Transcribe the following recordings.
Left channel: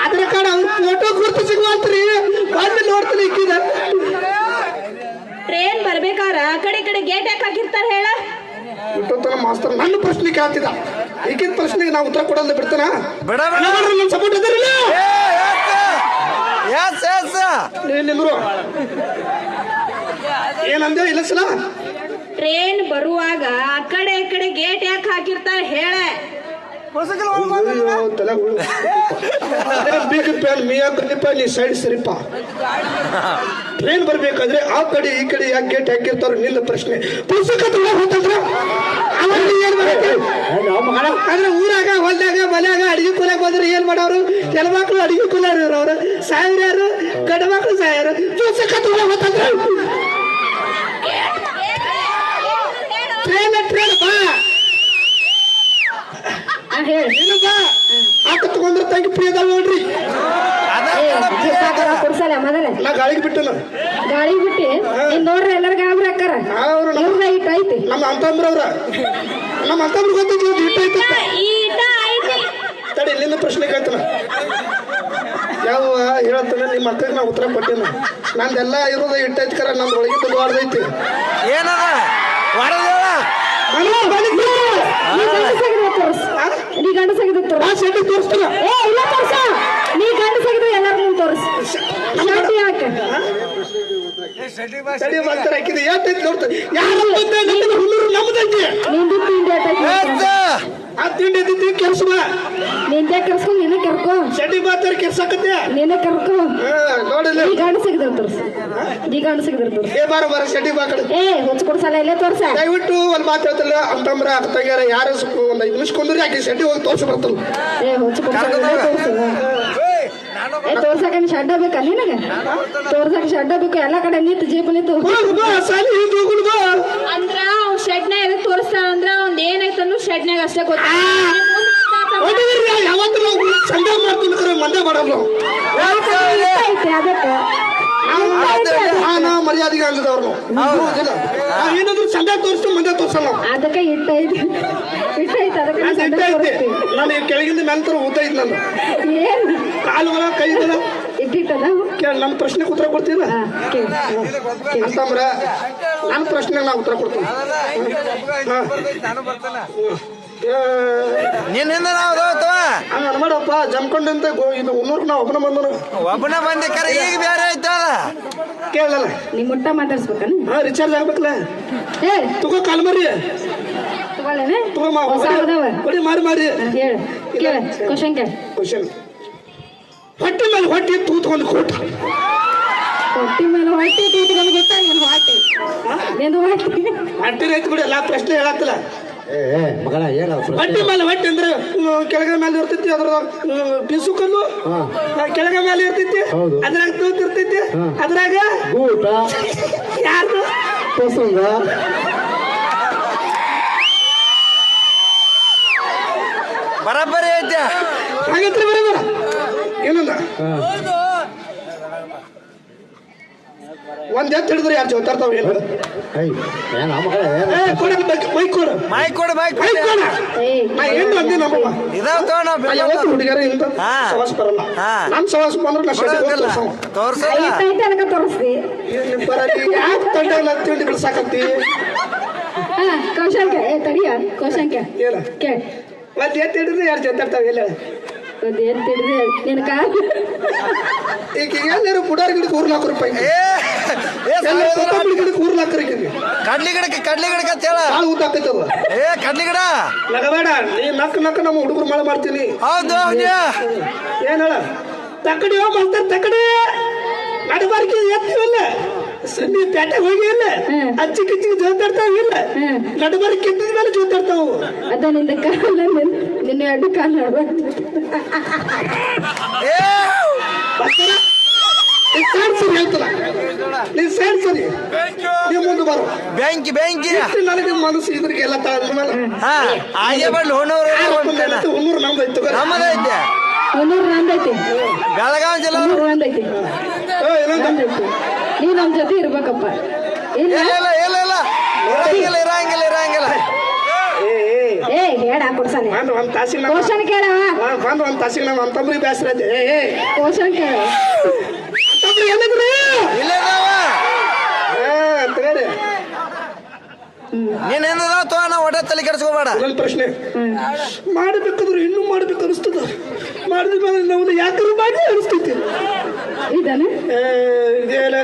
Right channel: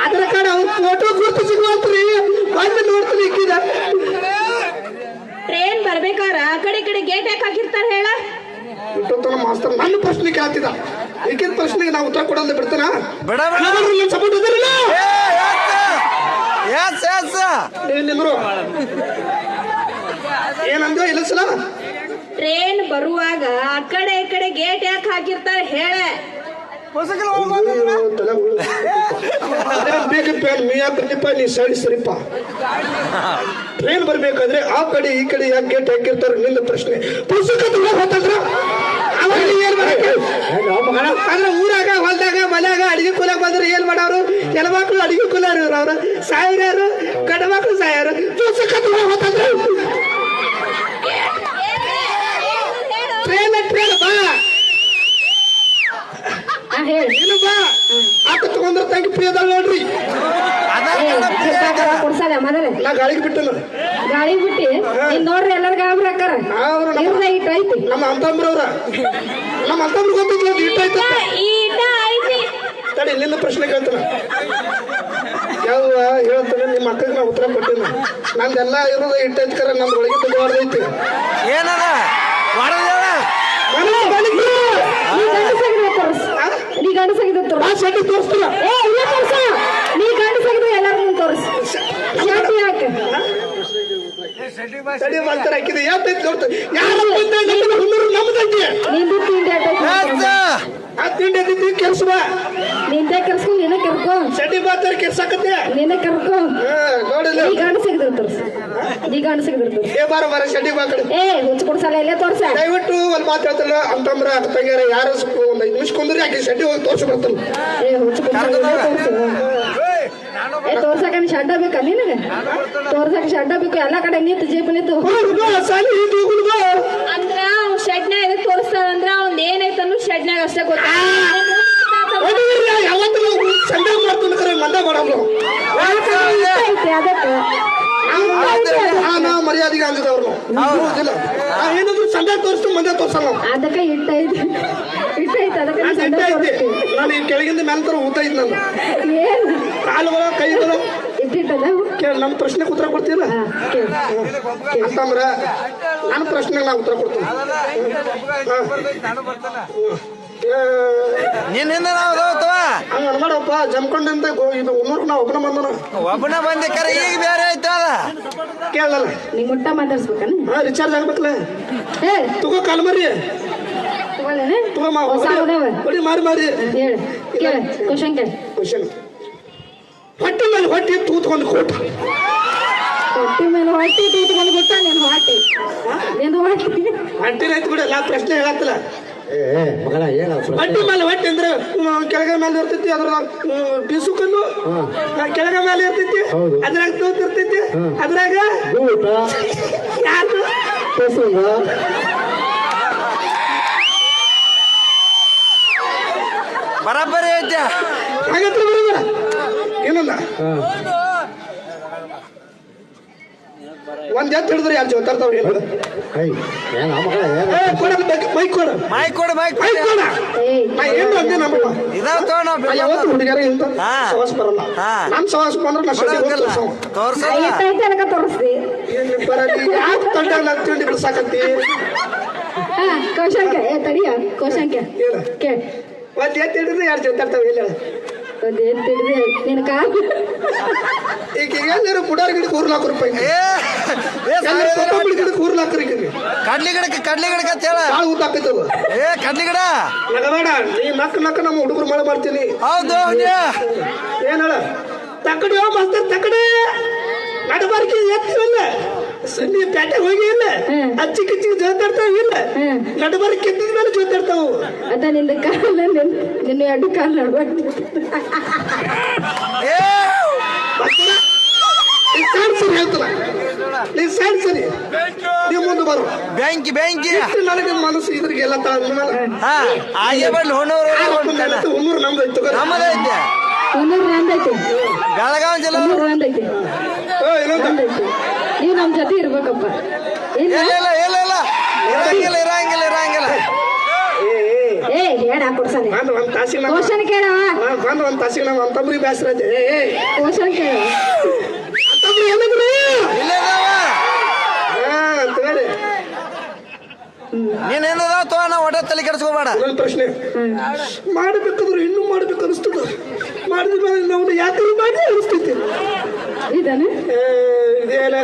Aadhaar card ಅವ್ರ photo ಗುರ್ತು ಸಿಗುವಂತ್ರಿ ಬಂದು ನೋಡ್ತೀನಿ ಇಕ್ಕಿದ ಟ್ರೈನ್ ಬರ್ಬೇಕಾರ ಆ ಕಡೆ ಈ ಕಡೆ ಗೇಟ್ ಯಾಕೆ ಹಾಕಿರ್ತಾರ ಹೇಳ ಇಟ್ಟೊತ್ತನ ಮಾಸ್ತರ್ ನನ್ನ ಪ್ರಶ್ನೆ ಕೇಳ್ತಿದ್ದ ಈಗಿನ ಪ್ರಶ್ನೆಗೆ ನಾವು ಉತ್ತರ ಕೊಡಲ್ಲ ಬಿಡ್ತಾನ ಬಿಡ ಸಪೋರ್ಟ್ ಅದರಲ್ಲ ಎಸ್ ಎಸ್ ನಿಂದ್ರು ಏನಂದೆ ಇಲ್ಲ ಸಲ ಟ್ರೈನ್ ಬರುವಾಗ ಆ ಕಡೆ ಈ ಕಡೆ ಗೇಟ್ ಯಾಕೆ ಹಾಕಿರ್ತಾರೆ ಹೇಳ ಬೇಗ ಪ್ಯಾನ್ ಮಿಯಾ ಕಲಿಪ ನೀ ಸೈಡ್ ಸರಿಪ ಟ್ರೈನ್ ಬರ್ಬೇಕಾದ್ರೆ ಆ ಕಡೆ ಈ ಕಡೆ ಯಾಕೆ ಗೇಟ್ ಹಾಕಿರ್ತಾರೆ ನಿಲ್ಲ ಪ್ರಶ್ನೆ. ಪುಸ್ತಕ ಆದ್ರೆ ಊರಾಗ ಹೊಲ್ದಾಗ ಮನ್ಯಾಗ ಅಡಿಗೆ ಕುಲಾಗ ಬಂದ್ರೆ ಏನ್ ಮಾಡೋರು? ಕೆಲ ಮಕ್ಳು ಅಡಿಗೆ ಕೂಲಾರ ಅವ್ರ. ಸಾವಿರಾರು ಗಂಡ ಮಕ್ಳು ಸಾಯಾರು ಪುಸ್ತಕ ಟ್ರೈನ್ ಟ್ರೈನ್ ಬಾ ಹೇಳಿ ಏನು ಬಾ ಆತ ತಗೊಂಡ್ರ ತಂಗಿ ಪ್ರಿಯದಲ್ಲ ನೋಡ್ರಿ ಆಧಾರ್ ಕಾರ್ಡ್ ಫ್ರೀ ಮೊದಲ ನಾ ಗಾಳಿಗೆ ಬಿಟ್ಟನು ಗಾಳಿ ಬಿಟ್ಟಿ? ನೀನ್ ನೋಡ್ರಿ ಎಲ್ಲಾರ ಗಾಬರಿ ಹಾಕಾರ ಅವ್ರು ಇಟ್ಟು ಐತಿ. ನಮ್ಮ ಅಂತಂಬ್ರವ್ರ ನಮ್ಮ ಅಂತಂಬ್ರ ಗೊತ್ತಿಲ್ಲ ಇಟ್ಟಾಯ್ತ ಈ ಇಟ ಐತಿ. ತಡಿ ಪ್ರಶ್ನೆ ಕೇಳ್ತಾನ ಯಾವ ಹೇಳ್ತಾನೆ ನಿಮ್ಮ ಅಕ್ಕಗೆ ನಾ ಉತ್ತರ ಕೊಟ್ಟೇನೆ. ನಂದೆಲ್ಲ ಇರೋದು ಇಟ್ಟೈತಿ ಕರ ನಂದು ಒಳಗೆ ದೊಡ್ಡದೈತಿ ಏನದ? ಹೊರದೇವ ನೀ ಸೆಟ್ಟಿ ತೋರಿಸ್ತಾರ? ಏ ಇಲ್ಲ ತೋರ್ಸ. ನೀ ಮುಂದೆ ತೋರ್ಸ್ ಶಾಂತಿ ಯಾಕೆ? ತಡಿ ಮಾಡ್ತಾರೆ ಹಾಕಿದೆ ಏತೈತಿ ನೋಡ್ತಾರೆ ಯಾರು ಬಂದೆ ನಮ್ಮ ಹುಲ್ಲೂರು ನಮ್ಮದೈತಿ ನಿಂದು ತಿಂಡಿ ಎಸ್ ಆ ತಿಂಡಿ ಕೆಲಸ ಬಾ ನಿಂದೆ ಕರ್ಸ್ಕೊಂಡ್ ನೀನ ಕರ್ಕೊ. ಸೆಟ್ಟಿ ಬಾತಾರೆ ಕೆಲ್ಸಕ್ಕತ್ತೆ ನೀನ ಕರ್ಕೊ. ನೋಡಿಲ್ಲ. ನೀ ಗಂಡಸಾಗಿದ್ರೆ ತೋರ್ಸ್. ನೀ ಗಂಡಸಾಗಿದ್ರೆ ತೋರ್ಸ್. ಏ ಬಾರ ಬಾರ ಸೆಟ್ಟಿ ಬಾಕಡೆ. ಏ ಹುಚ್ಚ ಕೊಡ್ಸಲ್ಲ ಇಲ್ಲೇ ತೋರ್ಸ. ದಯವಿಟ್ಟು ಒಂದು ಮಾತು ಹೇಳ್ತಲ್ಲ ಅಂತಂದ್ರ ಅಕ್ಕ ತಂಗ್ಯಾರ ಯಾರು ಒಂದು ಐದು ನಿಮಿಷ ಕೊಂದ್ರಿ ಆಕೆ ಸೆಟ್ಟಿ ಹೋಗಿ ತೋರ್ಸ ಬರ್ತಲ್ಲ ಏ ಹುಚ್ಚ ಕೊಡ್ಸಲ್ಲ ಏ ತೋರ್ಸಕ ಶಡ್ಡ ಬೇಕಾ ನಿನಗೆ? ತೋರ್ಸಕ ಶಡ್ಡ ಬೇಕು ಎಲ್ಲಾ ಕಡೆ ನಿಂತು ಜೀಪ್ ನಿಂತು. ಅಂದ್ರ ಅವ್ನ್ ಶೆಡ್ನ್ಯಾಗ ಎದಕ್ ತೋರಿಸ್ತಾನ ಅಂದ್ರ ಅವ್ನ್ ಏನೈತ ಅನ್ನೋ ಶೆಡ್ನ್ಯಾಗ ಅಷ್ಟೇ ಗೊತ್ತ ಮರ್ಯಾದೆ ಮರ್ಯಾದೆಗೆ ಅಂದಿದವ್ರು ಏನಾದ್ರು ಸಂಡೆ ತೋರಿಸ್ತು ಮಂದೆ ತೋರ್ಸಲ್ಲ ಅದಕ್ಕೆ ಇಟ್ಟ ಐತಿ ಇಟ್ಟ ಐತಿ ಅದಕ್ಕೆ ನಾನು ಕೆಳಗಿಂದ ಮೇಲೆ ತರ ಊತ ಇದ್ದ ನಾನು ಏನ್ ಕಾಲುಗಳ ಕೈಗಳ ಇಟ್ಟಿಟ್ಟದ ಕೇಳಿ ನನ್ನ ಪ್ರಶ್ನೆಗೆ ಉತ್ತರ ಕೊಡ್ತಿಲ್ಲ ಹಾ ಕೇಳು ಅಂತಂದ್ರ ನನ್ನ ಪ್ರಶ್ನೆಗೆ ನಾ ಉತ್ತರ ಕೊಡ್ತೀನಿ. ನಿನ್ನಿಂದ ನಾವು ನೋಡಪ್ಪ ಜಮ್ಕೊಂಡಿಂದ ಇದು ಉನ್ನೂರು ನಾ ಒಬ್ಬನ ಬಂದನ. ಒಬ್ಬನ ಬಂದಿ ಕರೆ ಈಗ ಬೇರೆ ಆಯ್ತು ಕೇಳಲ್ಲ. ನೀವು ಮುಟ್ಟ ಮಾತಾಡ್ಸ್ಬೇಕನ? ಹಾ ರಿಚಾರ್ಜ್ ಆಗ್ಬೇಕಲ್ಲ. ಏ ತುಗೋ ಕಾಲ್ ಮರಿ. ತಗೊಳ್ಳೇನೆ? ತಗೋ ಮಾ ಹೊಸ ಅದಾವ ಹೊಡಿ ಮಾರಿ ಮಾರಿ. ಕ್ವಶನ್ ಕೇಳ ಕ್ವಶನ್ ಹೊಟ್ಟೆ ಮೇಲೆ ಹೊಟ್ಟೆ ತೂತ್ಕೊಂಡು ಕೋಟ ಹೊಟ್ಟಿ ಮೇಲೆ ಹೊಟ್ಟಿ ತೂತ್ಕೊಂಡು ಗೊತ್ತಾ ನಿನ್ ಹೊಟ್ಟಿ. ನಿಂದು ಹೊಟ್ಟಿ. ಹೊಟ್ಟೆ ರೈತ ಬಿಡ ನಾ ಪ್ರಶ್ನೆ ಹೇಳತ್ತಲ್ಲ. ಏ ಮಗನ ಏನ ಹೊಟ್ಟೆ ಮೇಲೆ ಹೊಟ್ಟಿ ಅಂದ್ರೆ ಕೆಳಗ ಮೇಲೆ ಇರ್ತೈತಿ ಅದ್ರ ಬಿಸುಕಲ್ಲು ಕೆಳಗ ಮೇಲೆ ಇರ್ತೈತಿ ಹೌದು. ಅದ್ರಾಗ ತೋತಿರ್ತೈತಿ ಇರ್ತೈತಿ ಅದ್ರಾಗ ಊಟ ಯಾರು ಪ್ರಸಂಗ ಬರಬ್ಬರಿ ಐತೆ. ಹಾಗಂದ್ರೆ ಬರೋಬರ. ಏನಲ್ಲ. ಒಂದ್ ಎತ್ತು ಹಿಡಿದ್ರೆ ಯಾರು ಜೋತಾರ್ತಾವ ಏನು ಮಗನ ಏನ ನಮ್ಮ ಯಾವತ್ತು ಹುಡುಗಿಯರು ಇಂತ ಬರಲ್ಲ. ನನ್ ಬಂದ್ರೆ ನಾ ತೋರ್ಸಲ್ಲ ತೋರಿಸ್ತಿ ಯಾಕೆ ತಿಂಡಿ ಬಿಡ್ಸಾಕತ್ತಿ? ತಡಿಯ ಕೇಳ ಮತ್ತೆ ಎತ್ತು ಹಿಡಿದ್ರೆ ಯಾರು ಜೊತಾರ್ತಾವ ಇಲ್ಲ ಒಂದ್ ಏನ್ ತಿಳಿದೆ ನಿನ್ ಕಾಲ್. ಈಗ ಎಲ್ಲರೂ ಪುಡಾರ್ ಗಿಡಕ್ಕೆ ಮೂರ್ ನಾಲ್ಕು ರೂಪಾಯಿ ಏ ಏ ಕೊತ್ತಂಬರಿ ಗಿಡಕ್ಕೆ ಮೂರ್ ನಾಲ್ಕು ರೂಪಾಯಿ ಕಡ್ಲಿ ಗಿಡಕ್ಕೆ ಕಡ್ಲಿ ಗಿಡಕ್ಕೆ ಅಂತ ಹೇಳ. ಊಟ ಹಾಕಿದ್ದವ ಏ ಕಡ್ಲಿ ಗಿಡ ನಗಬೇಡ ನೀ ನಕ್ಕ ನಕ್ಕ ನಮ್ಮ ಹುಡುಗರು ಮಾಡ ಮಾಡ್ತೀನಿ. ಹೌದು ಏನ್ ಹೇಳ? ತಕ್ಕಡಿ ಮಾಸ್ತರ್ ತಕ್ಕಡಿ. ನಡಬಾರ್ಕಿ ಎತ್ತಿಲ್ಲ ಸನ್ನಿ ಪೇಟೆ ಹೋಗಿ ಇಲ್ಲ. ಅಚ್ಚಿ ಕಿಚ್ಚಿ ಜೋತಾಡ್ತಾವ ಇಲ್ಲ. ನಡಬಾರ್ಕಿ ಎತ್ತಿದ ಮೇಲೆ ಜೋತಾಡ್ತಾವು. ಅದ ನಿಂದ ಕಾಲ ನಿನ್ನ ಎರಡು ಕಾಲ ನಡ್ಬೇಕು ಏ ನೀ ಸರಿ ಹೇಳ್ತಲ್ಲ ನೀ ಸೈಡ್ ಸರಿ ನೀ ಮುಂದೆ ಬರು ಬೆಂಕಿ ಬೆಂಕಿ. ಎಷ್ಟು ನನಗೆ ಮನಸ್ಸು ಹಾ ಹಾಗೆ ಬಂದು ಹೊನ್ನೂರು. ನಮ್ಮದೈತೆ? ನಂದೈತಿ ಬೆಳಗಾವಿ ಜಿಲ್ಲೆ ನಂದೈತಿ ಏ, ಇನ್ನೊಂದು ನೀವು ನಮ್ ಜೊತೆ ಇರ್ಬೇಕಪ್ಪ. ಇಲ್ಲ ಇಲ್ಲ ಇಲ್ಲ ಇರಂಗಿಲ್ಲ ಇರಂಗಿಲ್ಲ ಇರಂಗಿಲ್ಲ. ಏ, ಏ, ಏ ಹೇಳ ಕೊಡ್ಸಾನೆ. ಒಂದು ಒಂದ್ ನಮ್ಮ ಕ್ವಶನ್ ಕೇಳವ ಒಂದ್ ತಾಸಿಗೆ ನಮ್ಮ ಬೇಸರ ಐತೆ. ಏ ಕ್ವಶನ್ ಕೇಳ ಅಂತಂಬ್ರಿ ಏನಾಗ್ರಿ ಇಲ್ಲದಾವ ಹಾ ಅಂತೇಳಿ ನೀನೇನದ ತೋ ನಾ ಹೊಟ್ಟೆ ತಲೆ ಕೆಡಿಸ್ಕೋಬೇಡ. ಪ್ರಶ್ನೆ. ಮಾಡಬೇಕಂದ್ರೆ ಇನ್ನೂ ಮಾಡ್ಬೇಕು ಅನಿಸ್ತದ? ಮಾಡಿದ ಮೇಲೆ ನಾವು ಯಾಕಂದ್ರೆ ಮಾಡಿ ಅನಿಸ್ತೈತಿ ಇದಾನೆ?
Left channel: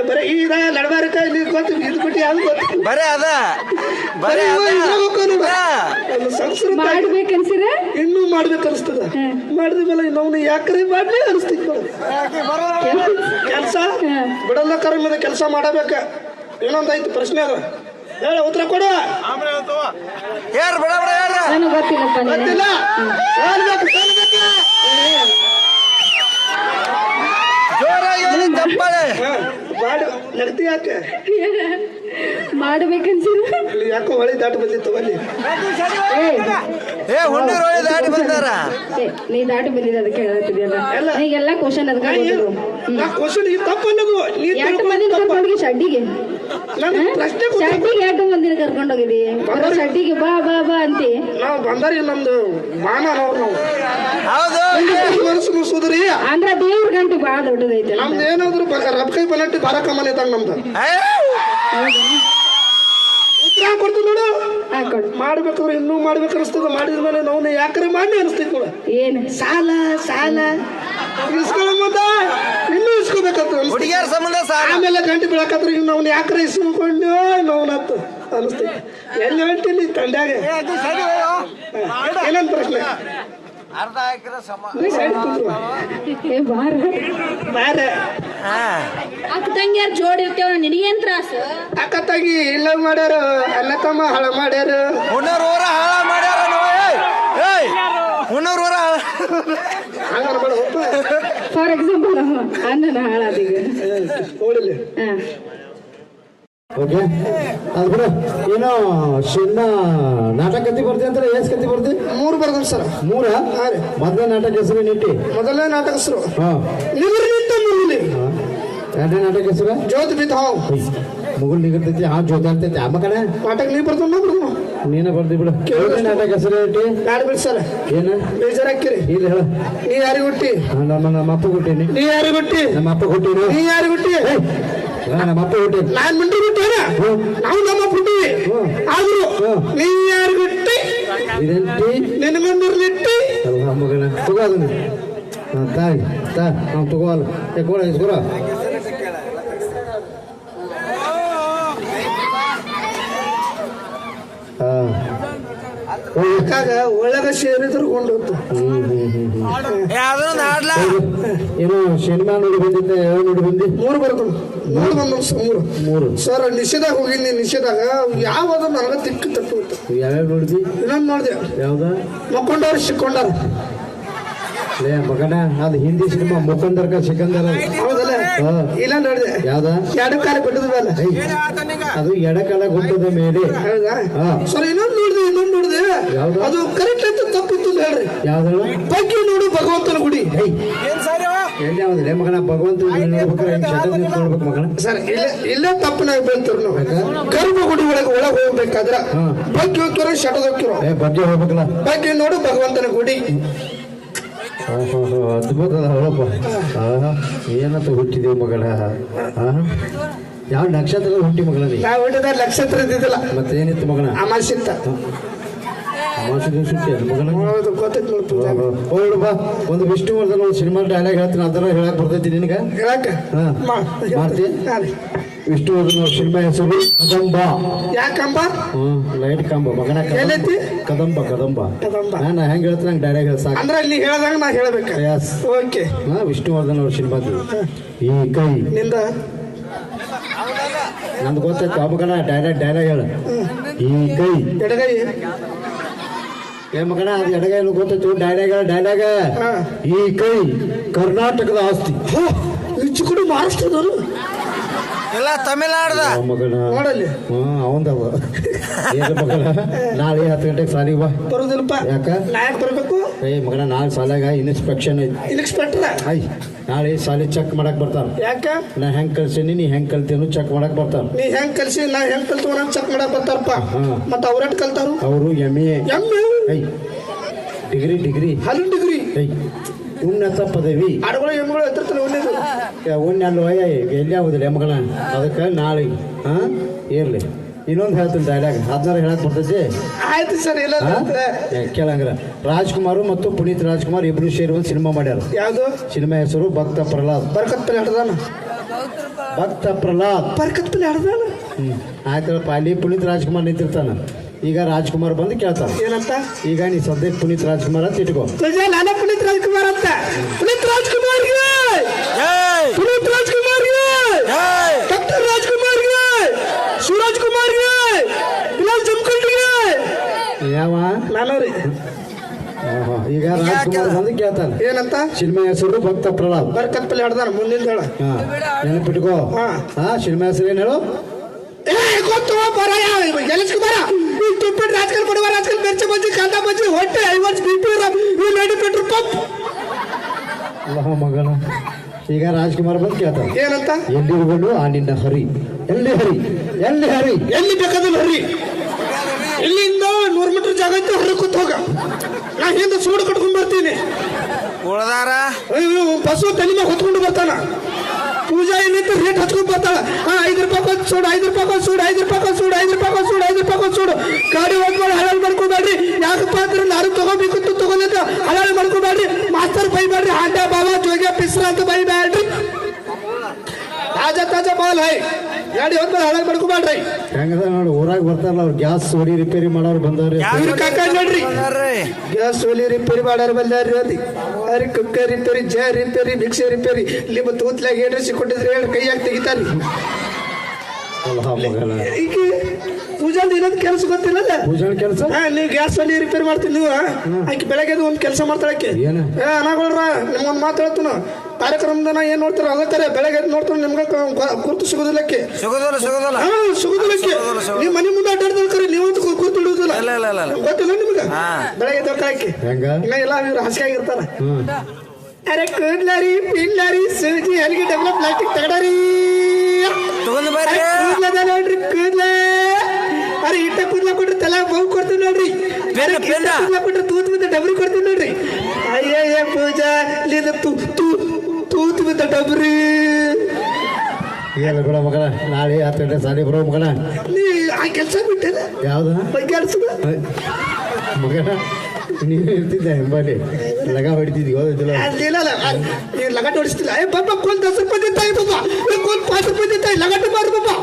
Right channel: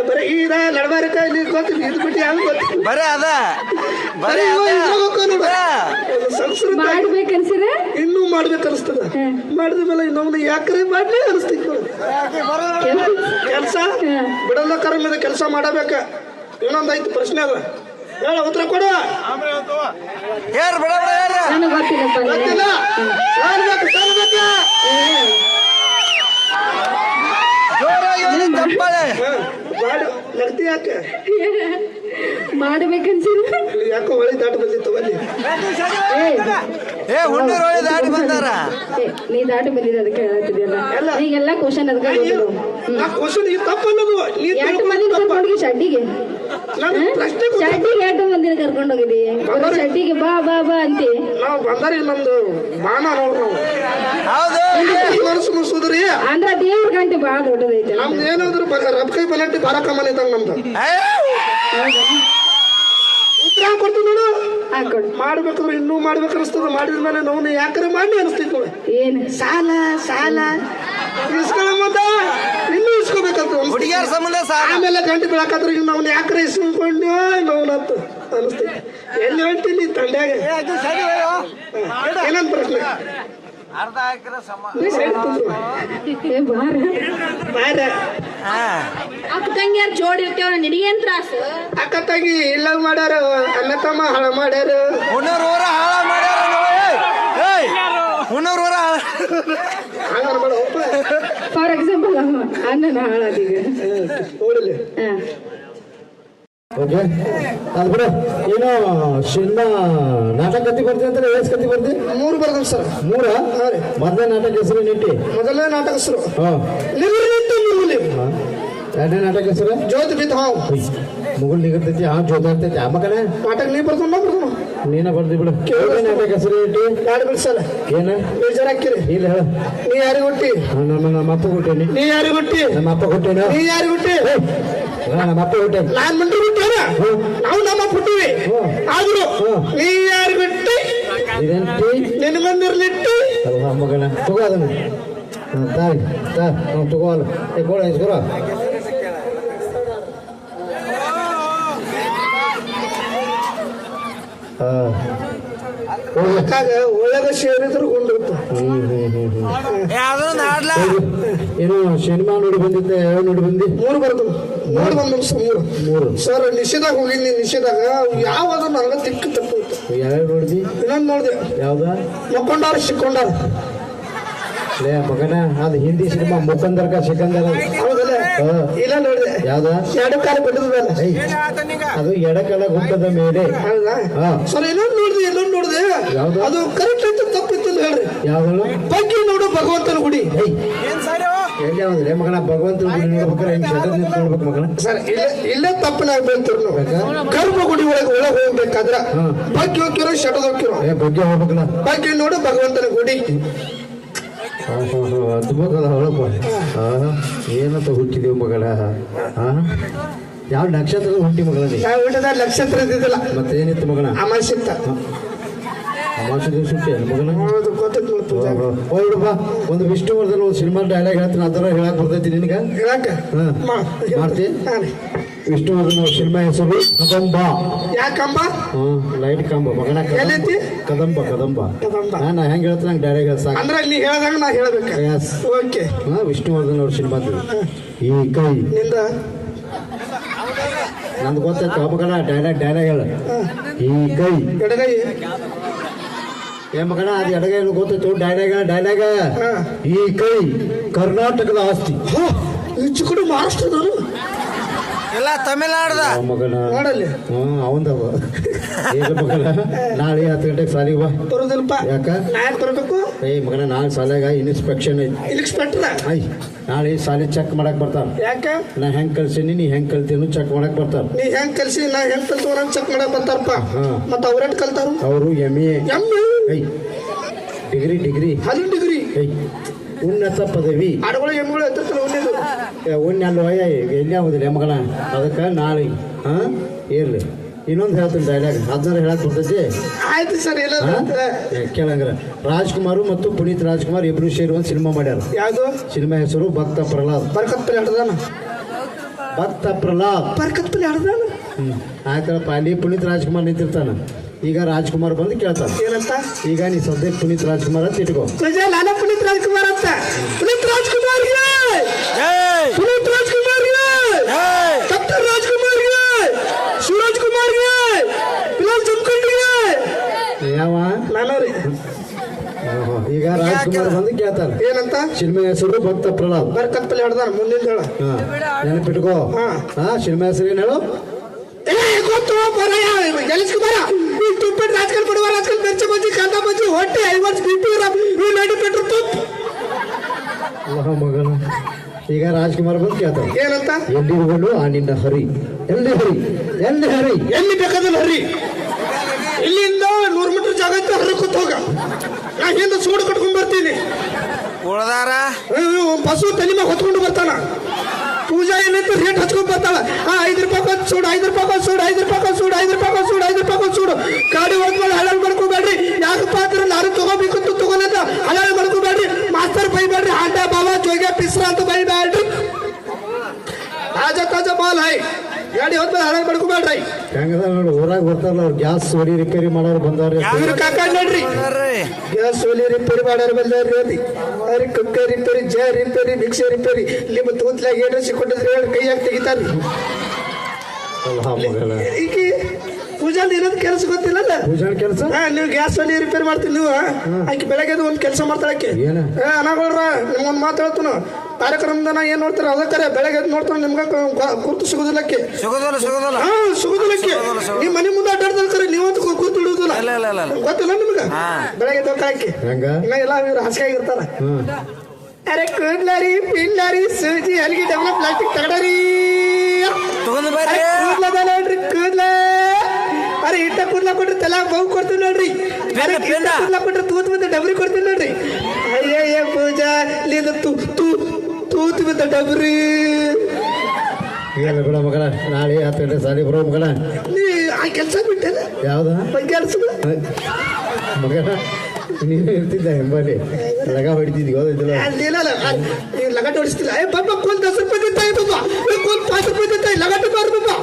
ಬರೀ ಈಗ ನಡಬಾರಕ ಇಲ್ಲಿ ಗೊತ್ತಿಲ್ಲ ಇದು ಬಿಟ್ಟು ಯಾವ ಗೊತ್ತಿಲ್ಲ. ಬರೇ ಅದ ಬರೇ ಸಂಸ್ಕೃತ ಮಾಡ್ಬೇಕನ್ಸಿದ್ರೆ ಇನ್ನೂ ಮಾಡ್ಬೇಕು ಅನಿಸ್ತದ. ಮಾಡಿದ ಮೇಲೆ ನಾವು ಯಾಕರೆ ಮಾಡ್ಲಿ ಅನಿಸ್ತೈತಿ ಕೆಲಸ? ಬಿಡಲ್ಲ ಕರಮಿದ ಕೆಲಸ ಮಾಡಬೇಕ. ಇನ್ನೊಂದಾಯ್ತು ಪ್ರಶ್ನೆ ಅದ. ಹೇಳ ಉತ್ತರ ಕೊಡ. ಹೇಳ್ ಬಿಡ ಬಿಡ ಹೇಳ್. ನನಗೆ ಗೊತ್ತಿಲ್ಲಪ್ಪ ನೀನು ಗೊತ್ತಿಲ್ಲ ಹೇಳ್ಬೇಕು, ಹೇಳ್ಬೇಕು. ಜೋರಾಗಿ ಹೇಳಿ ತಪ್ಪಳೆ ಹಾ, ಮಾಡು ನಗ್ತಿ ಯಾಕೆ? ಮಾಡ್ಬೇಕನ್ಸಿದ್ರೆ ಇಲ್ಲಿ ಯಾಕೋ ಹೊಳೆ ದಾಟಿ ಬಂದಿತ್ತು ಅಲ್ಲಿ ಏ ಹುಣ್ಣೂರ್ ಒಳ್ಳೆ ದಾಟಿ ಬಂದಾರ. ನೀ ದಾಟಿ ಬಂದಿದ್ದ ಅದಕ್ಕೆ ಹೇಳತ್ತಿದ್ಯಲ್ಲ. ಈಗೆಲ್ಲ ಕ್ವಶನ್ ಅದಕ್ಕೆ ಗೊತ್ತಿಲ್ಲ ಆ ಕ್ವಶನ್ ಈ ತಪ್ಪಲ್ಲದು. ನೀ ಎಷ್ಟು ಮಂದಿ ಶಡ್ಡಿಗೆ ಬರೋ ಬಾ ಬಾ ಬಾ ಅಂತ. ನಾವು ಬಂದಾರಿ ನಮ್ದು ನಾವು ಹೌದು. ಮನಸ್ಸು ಮುಗಿಸೋದ್ರಿ ಅಂದ್ರ ದೇವ್ರ ಗಂಟೆ ಬಾ ದೊಡ್ಡದೈತೆ ನಮ್ದು ಏನಾದ್ರು ರಬ್ ಕೈ ಬನ್ನಟ್ಟಿ ಬಾರ ಕಮ್ಮನ್ ಇದ್ದಂಗ ನಮ್ದು. ಉತ್ತರ ಕೊಡ್ತೀವಿ ನೋಡು. ಹಾಕೊಡು ಮಾಡ್ಬೇಕಾದ್ರೆ ಇನ್ನೂ ಮಾಡ್ಬೇಕು ಅನಿಸ್ತದ. ಮಾಡಿದ ಮೇಲೆ ನಾವು ಯಾಕರೆ ಮಾಡಿ ಅನಿಸ್ತೈತಿ ಏನು? ಸಾಲ ಸಾಲ. ಇನ್ನೂ ಇಸ್ಕೋಬೇಕಂತ. ಹುಡುಗಿಯರ ಸಂಬಂಧ ಸಾಲ. ಆಮೇಲೆ ಗಂಟೆ ಬೆಳಕಾದ್ರೆ ಇನ್ನು ಅವ್ನು ಯಾಕರೆ ಇಸ್ಕೊಂಡು ನಮ್ಮನತ್ತು ಅನಿಸ್ತೈತಿ ಎಲ್ಲಿ ಹೇಳ್ತೀನಿ ತಂಡ್ಯಾಗ ಏನಂತ ಪ್ರಶ್ನೆ? ಸೈಡ್ ಕುಂದ್ರು. ಏ ಬಾರ. ಬಾರ. ಹಾ. ಅಕ್ಕ ತಂಗಿಯರ್ ಜೋಡಿ ಇರ್ತೇವ ನಿನಗೇನ್ ತ್ರಾಸ? ಅಕ್ಕ ತಂಗಿ ಇಲ್ಲ ಮಾಡ್ಯಾರ ಅಣ್ಣ ತಮ್ಮ ಹಳ ಮಾಡ್ಯಾರ. ಹುಣ್ಣೂರ್ ಊರ ಹಾಳ ಮಾಡ್ಯಾರ ಏಯ್ ಊರ. ಫಾರ್ ಎಕ್ಸಾಂಪಲ್ ಅಣ್ಣನ ಹಾಳಾದೀಗ ನೋಡಿಲ್ಲ. ಏನು ಶಿನ್ನ ನಾಟಕ ಕತ್ತಿ ಬರ್ತೀನಿ ಅಂತಾರೆ? ಏಸ್ ಕತ್ತಿ ಬರ್ತಿ ಮೂರು ಬರ್ತೀನಿ ಸರ್. ಮೂರ? ಮೊದಲನೇ ನಾಟಕ ಹೆಸರು ನಿಟ್ಟಿ. ಮೊದಲನೇ ನಾಟಕ ಹೆಸರು. ಎರಡನೇ ನಾಟಕ ಹೆಸರು? ಜ್ಯೋತಿ ಬಿದ್ದ ಹಾವು ಮುಗುಲ್ ನಿಗಿರ್ತೈತಿ ಆ ಜೋತಾಡ್ತೈತಿ ಆ ಮಗನ? ನಾಟಕ ನೀ ಬರ್ಕೊಂಡ ಬರ್ದು ನೀನೇ ಬರ್ದಿ ಬಿಡು. ಎರಡನೇ ನಾಟಕ ಹೆಸರು ಇಟ್ಟಿ ಯಾರು ಬಿಡಿ ಸರ್. ಏನು? ಬೇಜಾರಾಕಿರಿ ಇಲ್ಲ ಹೇಳು. ನೀ ಯಾರಿಗೆ ಹುಟ್ಟಿ? ನಮ್ಮ ನಮ್ಮ ಅಪ್ಪ ಹುಟ್ಟೇನಿ. ನೀ ಯಾರಿಗೆ ಹುಟ್ಟಿ? ನಮ್ಮ ಅಪ್ಪ ಕೊಟ್ಟೇನು ನೀ ಯಾರಿಗೆ ಹುಟ್ಟಿ? ನಮ್ಮ ಅಪ್ಪ ಕೊಟ್ಟೇನಿ ನಾನ್ ಮುಂದೆ ಹುಟ್ಟೇನ ನಾವು ನಮ್ಮ ಬಿಟ್ಟಿವಿ ಆದ್ರು ನೀ ಯಾರು ಬಿಟ್ಟಿ? ಇದಂತಿ ನಿನ್ನ ಮಂದಿರ್ಲಿಟ್ಟಿ ಅಲ್ವಾ ಮಗನ? ತಗೋ ಅದನ್ನ. ತಾಯಿ ತಾ ನಾವು ಇಸ್ಕೊರ ಹಾಂ ಹೋಗು ಆಗ ಒಳ್ಳೆದ ಸೇರಿದ್ರು ಹೌದು. ಏನು ಸಿನಿಮಾ ನೋಡಿ ಬಂದಿದ್ದೆ ಯಾವ ನೋಡಿ ಬಂದಿ? ಮೂರು ಬರ್ದು ಮೂರು. ಬಂದು ಮೂರು. ಮೂರು ಸರ್ ನಿಷೇಧಾಗ ಹೋಗಿನಿ ನಿಷೇಧಾಗ ಯಾವಾಗ ನನಗ ತಿಕ್ಕ ತಪ್ಪು ಯಾವ್ಯಾವ ನೋಡಿದಿ? ಇನ್ನೊಂದು ನೋಡಿದೆ. ಯಾವ್ದ? ಮಕ್ಕೊಂಡವ್ರು ಸಿಕ್ಕೊಂಡಾರ ಲೇ ಮಗನ ಅದು ಹಿಂದಿ ಸಿನಿಮಾ ಮುಖಂದರ್ಕ ಸಿಕಂದರ ಹೌದಲ್ಲ? ಹಾ. ಇಲ್ಲ ನೋಡಿದೆ. ಯಾವ್ದ? ಎರಡು ಕಾಲ ಬಿಟ್ಟದ ಮೇಲೆ. ಐ, ಅದು ಎಡಕಾಲ ಗುಡ್ಡದ ಮೇಲೆ. ಹೌದಾ? ಸರ್ ಇನ್ನೊಂದು ನೋಡಿದೆ ಇನ್ನೊಂದು ನೋಡಿದೆ. ಯಾವ್ದು? ಅದು ಕರೆಕ್ಟ್ ಅಂತ ತಪ್ಪಿತ್ತು ಹೇಳ್ರಿ. ಯಾವ್ದು? ಬಗ್ಗೆ ನೋಡು ಭಗವಂತನ ಗುಡಿ. ಎಲ್ಲಿ ಲೇ ಮಗನ ಭಗವಂತ ನೋಡ್ಬೇಕಾರೆ ಹಿಂಗ್ ಶಟರ್ ನಿಂತ್ ಮಗನ. ಸರ್ ಇಲ್ಲ ನಾವು. ಗರ್ಭಗುಡಿ ಒಳಗೆ ಒಳಗೆ ಹೋಗ್ಬೇಕಾದ್ರ. ಬಗ್ಗೆ ಹೋಗ್ತಿರೋ ಶಟದ ಹೋಗ್ತಿರೋ? ಏ ಬಗ್ಗೆ ಹೋಗ್ಬೇಕಲ್ಲ. ಬಗ್ಗೆ ನೋಡು ಭಗವಂತನ ಗುಡಿ. ಅದ್ಭುತಲ್ಲ ಹೇಳಪ್ಪ ಏನಂತ ಹುಟ್ಟಿದೀವಿ ಮಗಳ? ಯಾವ ನಕ್ಷತ್ರ ಹುಟ್ಟಿ ಮಗಳ ನಕ್ಷತ್ರ ಇದ್ದಿದ್ದಿಲ್ಲ ಮತ್ತೇನಿತ್ತು ಮಗನ? ಅಮಾಸಿತ್ತ ದಿವಸ ಹುಟ್ಟಿ ಮಗನ ಒಂದು ವಿಷ್ಣುವರ್ಧನ್ ಒಂದು ಸಿನಿಮಾ ಡೈಲಾಗ್ ಹೇಳ್ತೀನಿ ಅದರ ಹೇಳಕ್ ಬರ್ತೈತಿ ನಿನಗ? ಮಾಡ್ತಿ? ವಿಷ್ಣುವರ್ಧನ್ ಅವ್ರ ಸಿನಿಮಾ ಹೆಸರು ಕದಂಬ. ಯಾಕಂಬ? ಹ್ಮ್ ಲೈಟ್ ಕಂಬ ಮಗನ ಕದಂಬ ಕದಂಬ. ನಾನು ಹೆಂಗ್ ಹೇಳ್ತೀನಿ ನಂಗೆ ಡೈಲಾಗ್ ಹೇಳ ಸಾಕು. ಅಂದ್ರೆ ನೀ ಹೇಳ್ದಂಗ ನಾ ಹೇಳ್ಬೇಕು. ಎಸ್ ಓಕೆ ಹಾ ವಿಷ್ಣುವರ್ಧನ್ ಅವ್ರ ಸಿನಿಮಾ ಈ ಕೈ. ನಿಂದ? ನಮ್ದು ಗೊತ್ತಾಯ್ತು ಮಗನ ಡೈಲಾಗ್ ಡೈಲಾಗ್ ಹೇಳ. ಈ ಕೈ. ಎಡಗೈ? ಏ ಮಗನ ಅದು ಎಡಗೈಲು ಗೊತ್ತಿತ್ತು ಡೈಲಾಗ ಡೈಲಾಗ ಈ ಕೈ ಕರ್ನಾಟಕದ ಆಸ್ತಿ. ಹೋ, ಈ ಚಿಕ್ಕುಡು ಮಹಾರಾಷ್ಟ್ರದವರು ಎಲ್ಲ ತಮಿಳ್ನಾಡ್ದ. ಮಗನ. ಹ್ಞೂ ಅವಂದವ. ಏನ ಮಗನ? ನಾಳೆ ಹತ್ತು ಗಂಟೆಗೆ ಸಾಲಿಗೆ ಬಾ ಬರೋದಿಲ್ಲಪ್ಪ. ಯಾಕ? ನಾ ಯಾಕೆ ಬರ್ಬೇಕು? ಏ ಮಗನ ನಾಳೆ ಸಾಲಾಗ ಇನ್ಸ್ಪೆಕ್ಷನ್ ಐತಿ ಇನ್ಸ್ಪೆಕ್ಟರ್ ಐ. ನಾಳೆ ಸಾಲಿ ಚೆಕ್ ಮಾಡಕ್ ಬರ್ತಾರ ಯಾಕ? ನಾ ಹೆಂಗ್ ಕಲ್ಸೀನಿ ನೀ ಹೆಂಗ್ ಕಲ್ತೇನು ಚೆಕ್ ಮಾಡಕ್ ಬರ್ತಾರ ನೀ ಹೆಂಗ್ ಕಲ್ಸಿ ನಾ ಹೆಂಗ್ ಕಲ್ತ ಚೆಕ್ ಮಾಡಕ್ ಬರ್ತಾರಪ್ಪ. ಮತ್ತ ಅವ್ರೆಟ್ ಕಲ್ತಾರ ಅವರು M A I degree degree ಹಲಿ degree ಉನ್ನತ ಪದವಿ. ಆಡುಗಳು ಎಮ್ಗಳು ಎತ್ತಿರ್ತಾರ ಉಣ್ಣ ಅಲ್ವ? ಎಲ್ಲಿ ಆಗುದಿಲ್ಲ ಮಗಳ ಅದಕ್ಕೆ ನಾಳೆ ಹಾ? ಇರ್ಲಿ ಇನ್ನೊಂದು ಹೇಳ್ತೀನಿ ಡೈಲಾಗ್ ಹದಿನಾರು ಹೇಳಕ್ ಬರ್ತೈತಿ ಆಯ್ತು ಸರ್ ಇಲ್ಲ ಕೇಳಂಗಿಲ್ಲ. ರಾಜ್ಕುಮಾರ್ ಮತ್ತು ಪುನೀತ್ ರಾಜ್ಕುಮಾರ್ ಇಬ್ರು ಸೇರಿ ಒಂದು ಸಿನಿಮಾ ಮಾಡ್ಯಾರ. ಯಾವುದು? ಸಿನಿಮಾ ಹೆಸರು ಭಕ್ತ ಪ್ರಹ್ಲಾದ್. ಬರ್ಕತ್ ಪಲ್ಲಿ ಆಡದಾನ ಭಕ್ತ ಪ್ರಹ್ಲಾದ್. ಬರ್ಕತ್ ಪಲ್ಲಿ ಆಡದಾನ ಹ್ಮ್. ಆಯ್ತಲ್ಲಪ್ಪ ಅಲ್ಲಿ ಪುನೀತ್ ರಾಜ್ಕುಮಾರ್ ನಿಂತಿರ್ತಾನ. ಈಗ ರಾಜ್ಕುಮಾರ್ ಬಂದು ಕೇಳ್ತಾನ. ಏನಂತ? ಈಗ ನೀ ಸದ್ಯ ಪುನೀತ್ ರಾಜ್ಕುಮಾರ್ ಅಂತ ಇಟ್ಕೋ. ನಾನೇ ಪುನೀತ್ ರಾಜ್ಕುಮಾರ್ ಅಂತ. ಪುನೀತ್ ರಾಜ್ಕುಮಾರ್ ಪುನೀತ್ ಈಗ ರಾಜ್ಕುಮಾರ್ ಬಂದು ಕೇಳ್ತಾರೆ ಏನಂತ? ಸಿನಿಮಾ ಹೆಸರು ಭಕ್ತ ಪ್ರಹ್ಲಾದ್ ಬರ್ಕತ್ ಪಲ್ಲಿ ಆಡದಾನ ಮುಂದಿನ ಹೇಳ ನೆನಪಿಟ್ಕೋ. ಹಾ. ಸಿನಿಮಾ ಹೆಸರು ಏನು ಹೇಳು? ಏ ಗೊತ್ತು ಬರಯ್ಯ ಎಲ್ಲಿಸ್ ಕುಮಾರ ಈ ಟಿಪ್ಪೆಟ್ ರಾಜಕಾರಣ ಕೊಡುವ ರಾಜಕಾರಣ ಮಿರ್ಚ ಬಜ್ಜಿ ಕಾಂದ ಬಜ್ಜಿ ಹೊಟ್ಟೆ ಐವತ್ತು ಅಲ್ಲ ಮಗಳ ಈಗ ರಾಜ್ಕುಮಾರ್ ಬಂದು ಕೇಳ್ತಾರೆ ಏನಂತ? ಎಲ್ಲಿರುವಳು ಆ ನಿನ್ನ ಹರಿ. ಎಲ್ಲಿ ಹರಿ? ಎಲ್ಲಿ ಹರಿ? ಎಲ್ಲಿ ಬೇಕಾದ್ರೆ ಹರಿ? ಇಲ್ಲಿಂದ ನೂರು ಮೀಟರ್ ಜಾಗ ಐತೆ ಹರಿ ಕೂತ್ ಹೋಗ ನಾ ಹಿಂದೆ ಸೂಡು ಕಟ್ಕೊಂಡ್ ಬರ್ತೀನಿ. ಉಳದಾರ? ಬಸ್ಸು ತಲೆ ಹೊತ್ಕೊಂಡು ಬರ್ತಾನ. ಪೂಜಾ ಏನೈತಿ ರೇಟ್ ಹಚ್ಕೊಂಡ್ ಬರ್ತಾಳ. ಆ ಐದು ರೂಪಾಯಿ ಸೂಡು ಐದು ರೂಪಾಯಿ ಸೂಡು ಐದು ರೂಪಾಯಿ ಸೂಡು ಐದು ರೂಪಾಯಿ ಸೂಡು ಐದು ರೂಪಾಯಿ ಸೂಡು. ಗಾಡಿ ಹೋಗ್ಬೋದು ಹಳಲ್ ಮಾಡ್ಕೋಬೇಡ್ರಿ. ಯಾಕಪ್ಪ ಅಂದ್ರೆ ನಾನು ತಗೋಬೇಕು ಅಂತ ತಗೋಲಿಲ್ಲ ಹಳಲ್ ಮಾಡ್ಕೋಬೇಡ್ರಿ. ಮಾಸ್ತರ್ ಬೈಬೇಡ್ರಿ. ಹಾಂಡ ಬಾಬಾ ಜೋಗ್ಯ ಪಿಸ್ರ ಅಂತ ಬೈಬೇಡ್ರಿ. ತಾಜಾ ತಾಜಾ ಮಾಲ್ ಹೈ. ಗಾಡಿ ಹೋದ್ಮೇಲೆ ಹಳಲ್ ಮಾಡ್ಕೋಬೇಡ್ರಿ. ಹೆಂಗದ ನೋಡಿ ಊರಾಗ ಬರ್ತಾರಲ್ಲ ಅವ್ರು. ಗ್ಯಾಸ್ ಸೋಲಿ ರಿಪೇರಿ ಮಾಡೋರು ಬಂದವ್ರಿ. ಗ್ಯಾಸ್ ಒಲಿ ರಿಪೇರಿ ಮಾಡೋರು. ಬಂದಾರ್ರಿ ಅಲ್ಲಿ. ಅರಿ ಕುಕ್ಕರ್ ರಿಪೇರಿ ಜ ರಿಪೇರಿ ಭಿಕ್ಷೆ ರಿಪೇರಿ ನಿಮ್ಮ ಮತ್ತೆ ತೂತ್ಲಾಗ ಏನ್ರಿ ಸಿಕ್ಕೊಂಡಿದ್ರೆ ಹೇಳಿ ಕೈಯಾಗ ಹಾಕಿ ತೆಗಿತಾರೆ ಮಗಳ ಈಗ ಪೂಜಾದ ಇನ್ನೊಂದು ಕೆಲಸ ಗೊತ್ತಿಲ್ಲಲ್ಲ? ಪೂಜಾನ ಕೆಲಸ? ಹಾ, ನೀವು ಗ್ಯಾಸ್ ಒಲಿ ರಿಪೇರಿ ಮಾಡ್ತೀರಿ ನೀವು ಆಕೆ ಬೆಳಗ್ಗೆ ಎದ್ದು ಒಂದು ಕೆಲಸ ಮಾಡ್ತಾಳಕ್ಕೆ ಏನು? ಏ ಅನಾಗೊಳ್ರ ನಿಮ್ಗೊಂದು ಮಾತು ಹೇಳ್ತಾನ ಕಾರ್ಯಕ್ರಮದ ನಾ ಏನ್ ನೋಡ್ತಾರ? ಅದಕ್ಕಾರ ಬೆಳಗ್ಗೆ ಎದ್ದು ನೋಡ್ತಾನೆ ನಿಮ್ಗೆ ಕ- ಸಿಗುದಿಲ್ಲಕ್ಕೆ. ಸಿಗುದಿಲ್ಲ ಸಿಗೋದಿಲ್ಲ. ಸಿಗೋದಿಲ್ಲ ಹಾ ಸಿಗುದಿಲ್ಲ ಸಿಗೋದಿಲ್ಲ, ಸಿಗೋದಿಲ್ಲ. ನೀವು ಮನೆ ಮುಂದೆ ಅಡ್ಡಾಡ್ತಿರ್ತಾರೆ ನೀವಂತೂ ಕುರ್ತು ಹಿಡುವುದಿಲ್ಲ ಇಲ್ಲ ಇಲ್ಲ ಇಲ್ಲ ಇಲ್ಲ. ಗೊತ್ತಿಲ್ಲ ನಿಮ್ಗೆ. ಬೆಳಗ್ಗೆ ಎದ್ದು ಕಾಯ್ಕೆ ಇಲ್ಲ ಎಲ್ಲ ಇವ್ರು ಹಾಸಿಗೆ ಇರ್ತಾರ. ಹ್ಮ್. ಅರೆ ಕೂದ್ಲಾರಿ ಪಿಂಡ್ಲಾರಿ ಸೂಜಿ ಅಲ್ಲಿಗೆ ಡೆವಲಪ್ ಪ್ಲಾಸ್ಟಿಕ್ ತಗಡಾರಿ. ಕೂದ್ಲದ ನೋಡ್ರಿ ಕೂದ್ಲ. ಅರೆ ಇಟ್ಟ ಕೂದ್ಲ ಕೊಟ್ರೆ ತಲೆ ಬಹು ಕೊಡ್ತೀನಿ ನೋಡ್ರಿ. ಅರೆ ಕೂದ್ಲ ಕೊಟ್ರೆ ತೂತ್ ಮುಂದೆ ಡಬ್ರಿ ಕೊಡ್ತೀನಿ ನೋಡ್ರಿ. ತೂ ಬಿದ್ದ ಡಬ್ರಿ ಏನು ಬಿಡ ಮಗಳ ನಾಳೆ ಹತ್ತು ಗಂಟೆ ಸಾಲಿ ಬರೋ ಮಗಳ. ನೀ ಆ ಕೆಲಸ ಬಿಟ್ಟೆ ಯಾವ್ದು? ಕೆಲಸ ಮಗಳ ನೀನು ಇರ್ತಿದ್ದೆ ಎಂಬಲ್ಲಿ. ಲಗ ಹೊಡಿತಿದ್ವಿ ಓದಿದ್ದಿಲ್ಲ ಅದೇನಲ್ಲ ಲಗಟ್ ಹೊಡಿಸ್ತಿಲ್ಲ. ಏ ಬಾಬಾ ಕೂಲ್ ದಸ ರೂಪಾಯಿ ದಿತ್ತಾಯಿ ಬಾಬಾ ಕೂಲ್ ಪಾಂಚ್ ರೂಪಾಯಿ ದಿತ್ತಾಯಿ ಲಗಟ್ ಬಾಬಾ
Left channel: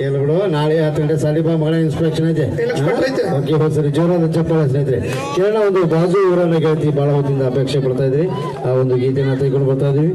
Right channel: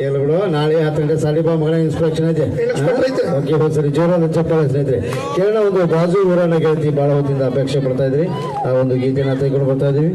ಬಿಡು ನಾಳೆ ಹತ್ತು ಗಂಟೆ ಸಾಲಿ ಬಾ ಮಗಳ ಇನ್ಸ್ಪೆಕ್ಷನ್ ಐತೆ. ಓಕೆ ಹೋದ್ ಸರಿ ಜೋರಾದ ಚಪ್ಪಾಳೆ ಸ್ನೇಹಿತರೆ. ಕೇರಳ ಒಂದು ಬಾಜು ಊರನ್ನ ಗೆಳತಿ ಬಹಳ ಹೊತ್ತಿಂದ ಅಪೇಕ್ಷೆ ಪಡ್ತಾ ಇದ್ರಿ. ಆ ಒಂದು ಗೀತೆನ ತೆಗೆದುಕೊಂಡು ಬರ್ತಾ ಇದೀವಿ